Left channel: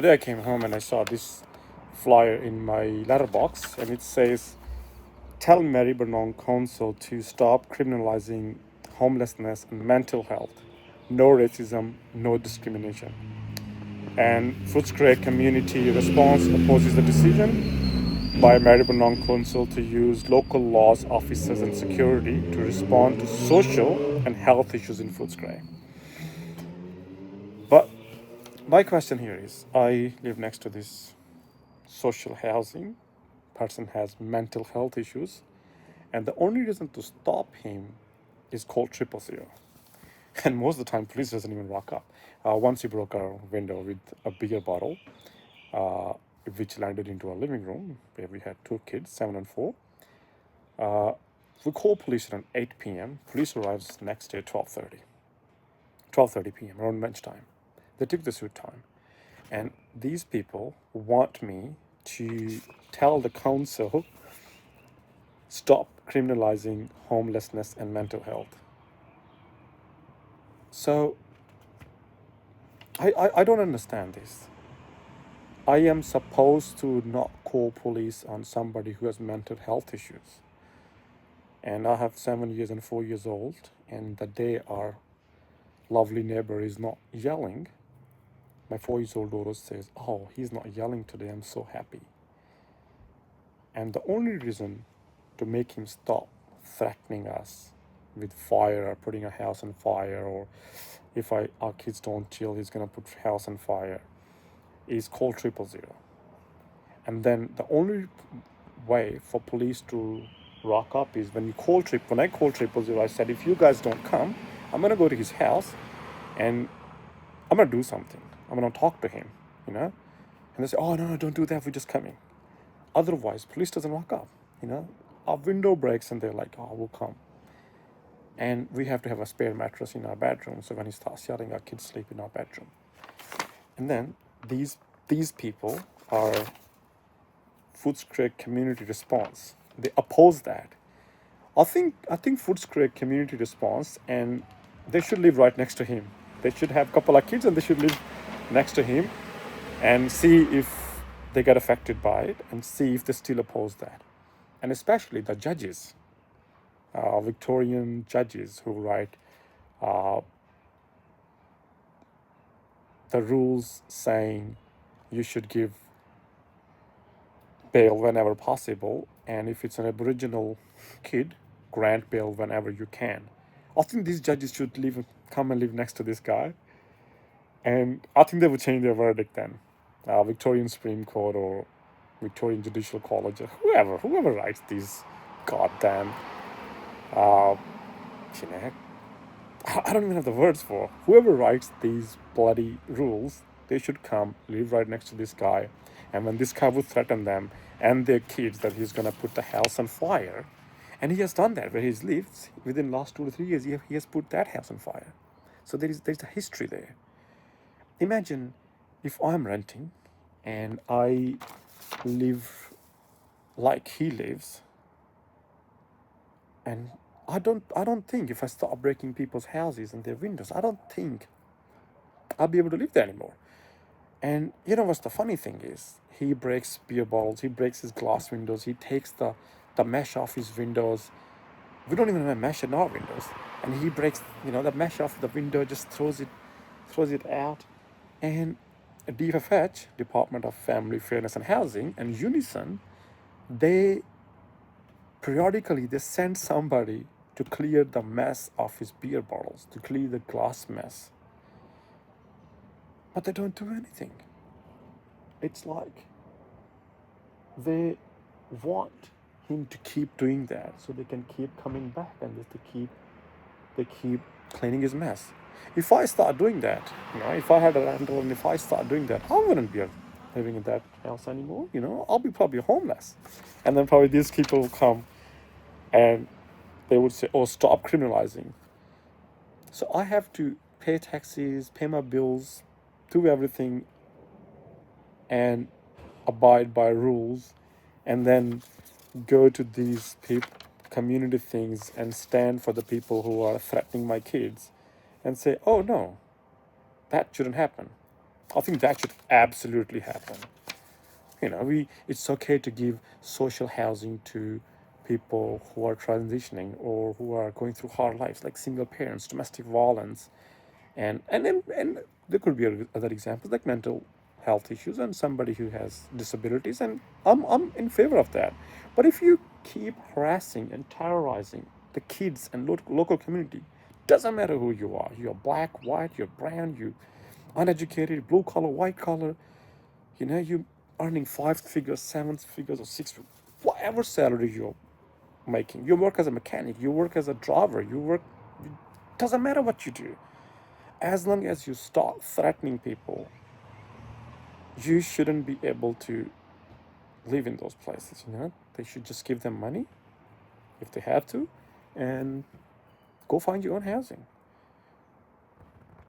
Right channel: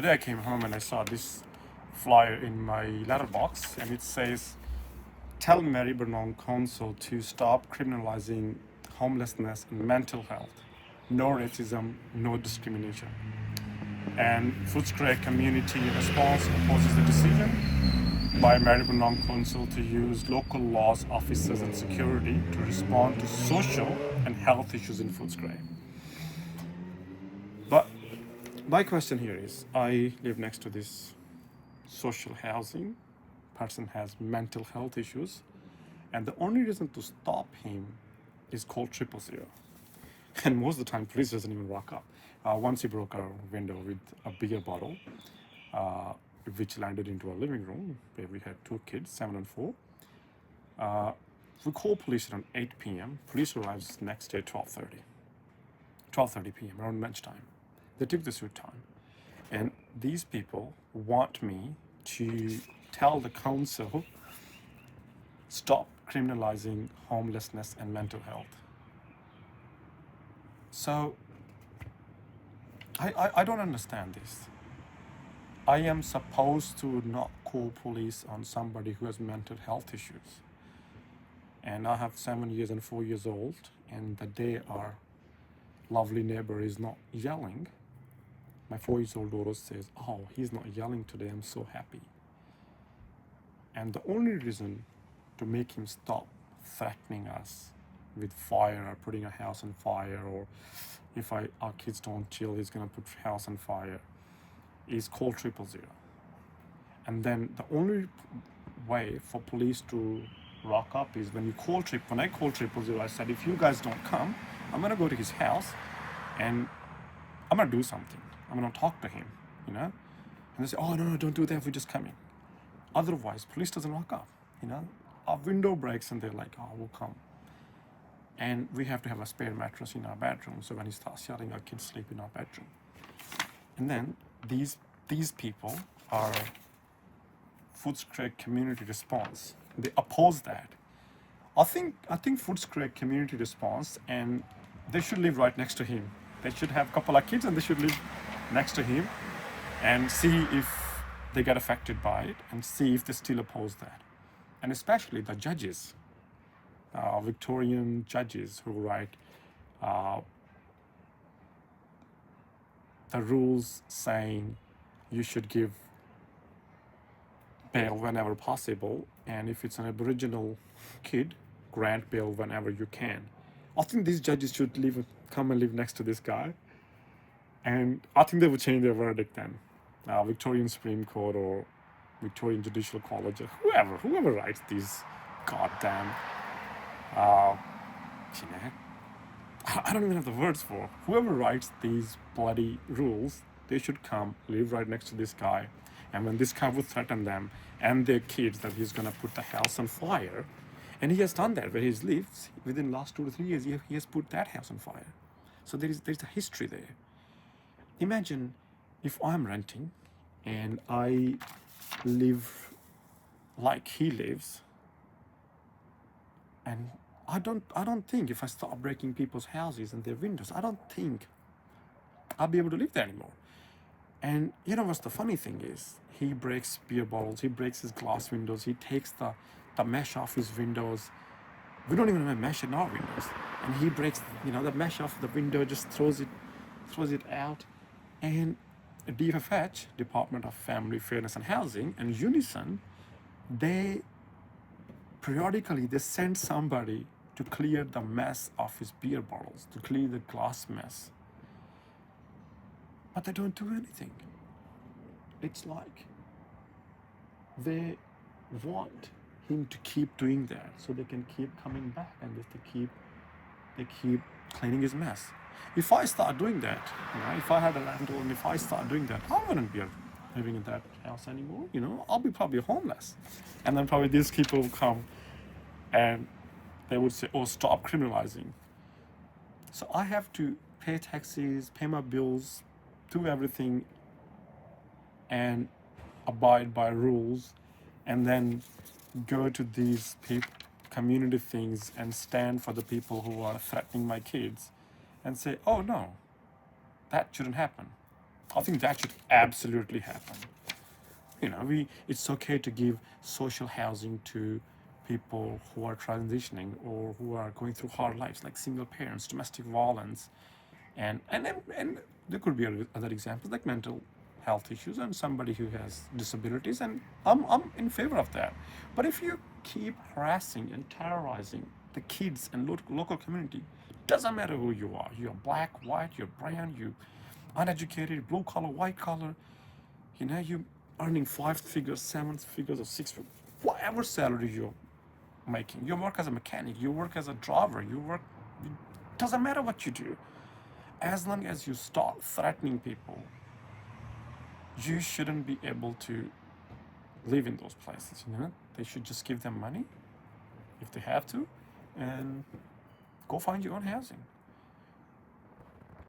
Today I came home and I saw this flyer in my letterbox, and it says, "Tell Maribyrnong Council to stop criminalizing homelessness and mental health. No racism, no discrimination." And Footscray community response opposes the decision by Maribyrnong Council to use local laws officers and security to respond to social and health issues in Footscray. But my question here is, I live next to this social housing. Person has mental health issues, and the only reason to stop him is called 000. And most of the time, police doesn't even rock up. Once he broke our window with a beer bottle, uh, which landed into our living room where we had two kids, 7 and 4. We called police around 8 p.m. Police arrives next day at 12:30 p.m. around lunchtime. They took the suit time, and these people want me to tell the council stop criminalizing homelessness and mental health. So I don't understand this. I am supposed to not call police on somebody who has mental health issues. And I have 7 years and 4 years old, and the day our lovely neighbor is not yelling, my 4-year-old daughter says, "Oh, he's not yelling today, I'm so happy." And the only reason to make him stop threatening us with fire or putting a house on fire, or if our kids don't chill, he's gonna put house on fire, is called 000. And then the only way for police to rock up is when I called 000, I said, if you guys don't come, I'm gonna go to his house and I'm gonna do something. I'm gonna talk to him, And they say, "Oh, no, don't do that, we're just coming." Otherwise, police doesn't rock up, Our window breaks and they're like, "Oh, we'll come." And we have to have a spare mattress in our bedroom, so when he starts yelling, our kids sleep in our bedroom. And then these people are Footscray community response. They oppose that. I think Footscray community response, and they should live right next to him. They should have a couple of kids and they should live next to him and see if they get affected by it and see if they still oppose that. And especially the judges, Victorian judges who write the rules saying you should give bail whenever possible, and if it's an Aboriginal kid, grant bail whenever you can. I think these judges should come and live next to this guy, and I think they would change their verdict then. Victorian Supreme Court or Victorian Judicial College, or whoever writes these goddamn, I don't even have the words for. Whoever writes these bloody rules, they should come live right next to this guy. And when this guy would threaten them and their kids that he's gonna put the house on fire, and he has done that where he's lived within the last 2 to 3 years, he has put that house on fire. So there's a history there. Imagine if I'm renting and I live like he lives, and I don't think if I start breaking people's houses and their windows, I don't think I'll be able to live there anymore. And you know what's the funny thing is? He breaks beer bottles, he breaks his glass windows, he takes the mesh off his windows. We don't even have mesh in our windows. And he breaks, the mesh off the window, just throws it out. And DFH, Department of Family Fairness and Housing, and Unison, they periodically send somebody to clear the mess of his beer bottles, to clear the glass mess. But they don't do anything. It's like they want him to keep doing that so they can keep coming back and just they keep cleaning his mess. If I start doing that, if I had a rental and if I start doing that, I wouldn't be living in that house anymore. I'll be probably homeless. And then probably these people will come and they would say, "Oh, stop criminalizing." So I have to pay taxes, pay my bills, do everything, and abide by rules, and then go to these community things and stand for the people who are threatening my kids and say, "Oh no, that shouldn't happen." I think that should absolutely happen. It's okay to give social housing to people who are transitioning or who are going through hard lives, like single parents, domestic violence, and there could be other examples like mental health issues and somebody who has disabilities, and I'm in favor of that. But if you keep harassing and terrorizing the kids and local community, doesn't matter who you are, you're black, white, you're brown, you uneducated, blue collar, white collar, you earning 5 figures, 7 figures, or 6 figures, whatever salary you're making, you work as a mechanic, you work as a driver, doesn't matter what you do. As long as you start threatening people, you shouldn't be able to live in those places. They should just give them money if they have to, and go find your own housing.